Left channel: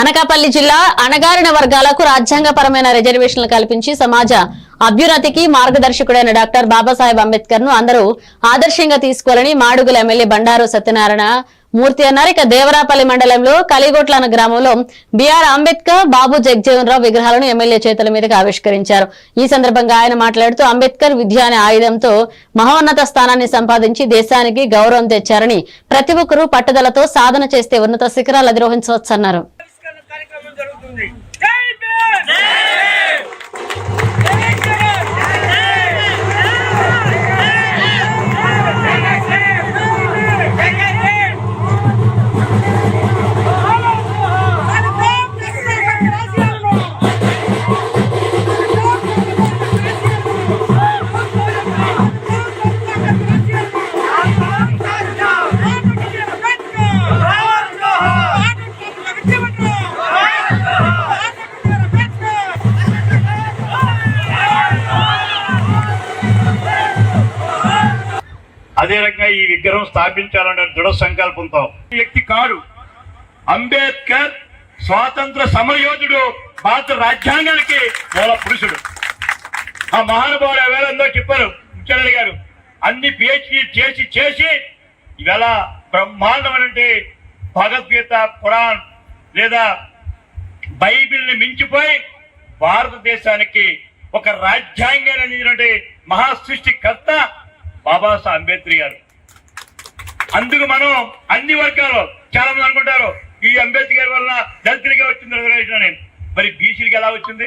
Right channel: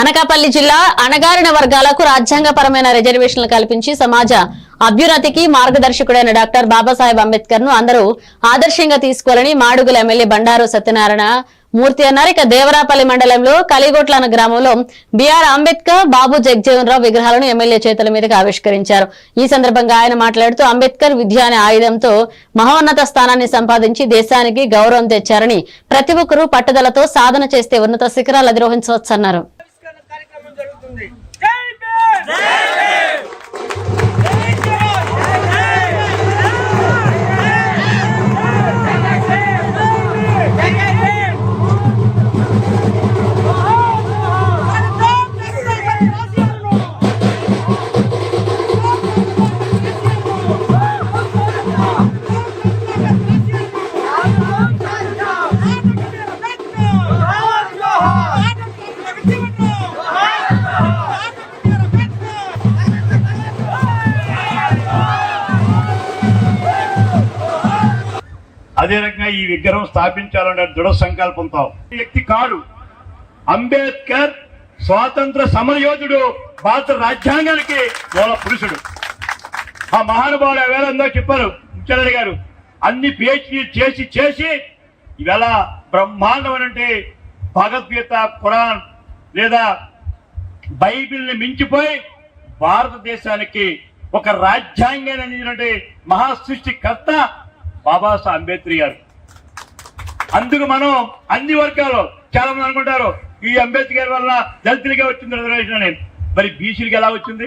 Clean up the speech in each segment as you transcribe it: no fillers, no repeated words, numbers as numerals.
అనకాపల్లి జిల్లా అణగారిన వర్గాలకు రాజ్యాంగపరమైన రిజర్వేషన్లు కల్పించి సమాజ అభ్యున్నతికి మార్గదర్శకుడైన డాక్టర్ బాబాసాహెబ్ అంబేద్కర్ ను అందరూ ఆదర్శంగా తీసుకోవాలని మాడుగుల ఎమ్మెల్యే బండారు సత్యనారాయణ మూర్తి అన్నారు. ఇక దేవరాపల్లి మండలంలో కలిగొట్ల అన్న గ్రామంలో బిఆర్ అంబేద్కర్, బాబు జగజీవన్ రావు విగ్రహాలను ఎమ్మెల్యే చేతుల మీదుగా ఆవిష్కరించారు. ఈ సందర్భంగా ఆయన మాట్లాడుతూ అంబేద్కర్ విద్య అనే ఆయుధంతో మహోన్నత స్థానాన్ని సంపాదించి దేశానికి గౌరవం తెచ్చారని, ప్రతి ఒక్కరూ పట్టుదలతో సాధన చేస్తే ఉన్నత శిఖరాలు అధిరోహించవచ్చన్నారు. అదే రకంగా ఈ విగ్రహం స్థాపించాలన్న దృఢ సంకల్పంతో వ్యక్తి కాదు. అంబేద్కర్ స్వాతంత్ర సమరయోధుడు, భారత రాజ్యాంగానికి మూల పురుషుడు. ఆ మహానుభావుడు ఎవరందో చెప్పారు ముఖ్యమంత్రి గారు. అన్ని పిహెచ్డి చేసి ఇవాళ బ్రహ్మాండం అంటే భగవద్గీత, ఖురాన్ లేదా బైబిల్ని మించిపోయి భారతదేశానికి ఒక రాజ్యాంగాన్ని అందించినటువంటి మహా సృష్టికర్త బాబాసాహెబ్ అంబేద్కర్ గారు. అందుకు మనం అన్ని వర్గాలు చాలా మంది అనుకుంటారు ఈ అంబేద్కర్ వల్ల దళితులుగా వచ్చింది రిజర్వేషన్ అని. మరి బీసీలకు ఎలా వచ్చింది?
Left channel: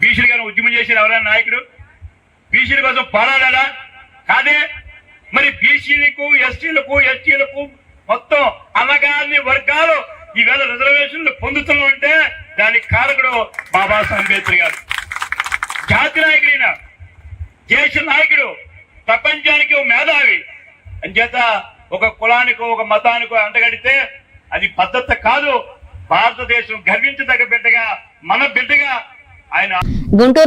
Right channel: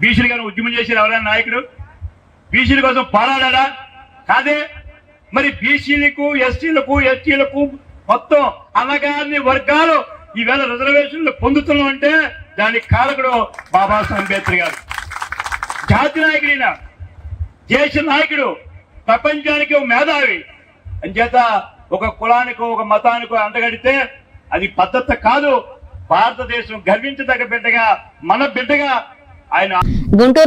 బీసీలు గారు ఉద్యమం చేశారు ఎవరైనా నాయకుడు? బీసీల కోసం పోరాడా? కాదే. మరి బీసీలకు, ఎస్సీలకు, ఎస్టీలకు మొత్తం అనగాని వర్గాలు ఈవేళ రిజర్వేషన్లు పొందుతున్నాం అంటే దానికి కారకుడు బాబాసాహెబ్ అంబేద్కర్ గారు. జాతీయ నాయకుడైన, దేశ నాయకుడు, ప్రపంచానికి మేధావి. అంచేత ఒక కులానికో ఒక మతానికో అంటగడితే అది పద్ధతి కాదు. భారతదేశం గర్వించదగ్గ బిడ్డగా, మన బిడ్డగా ఆయన. గుంటూరు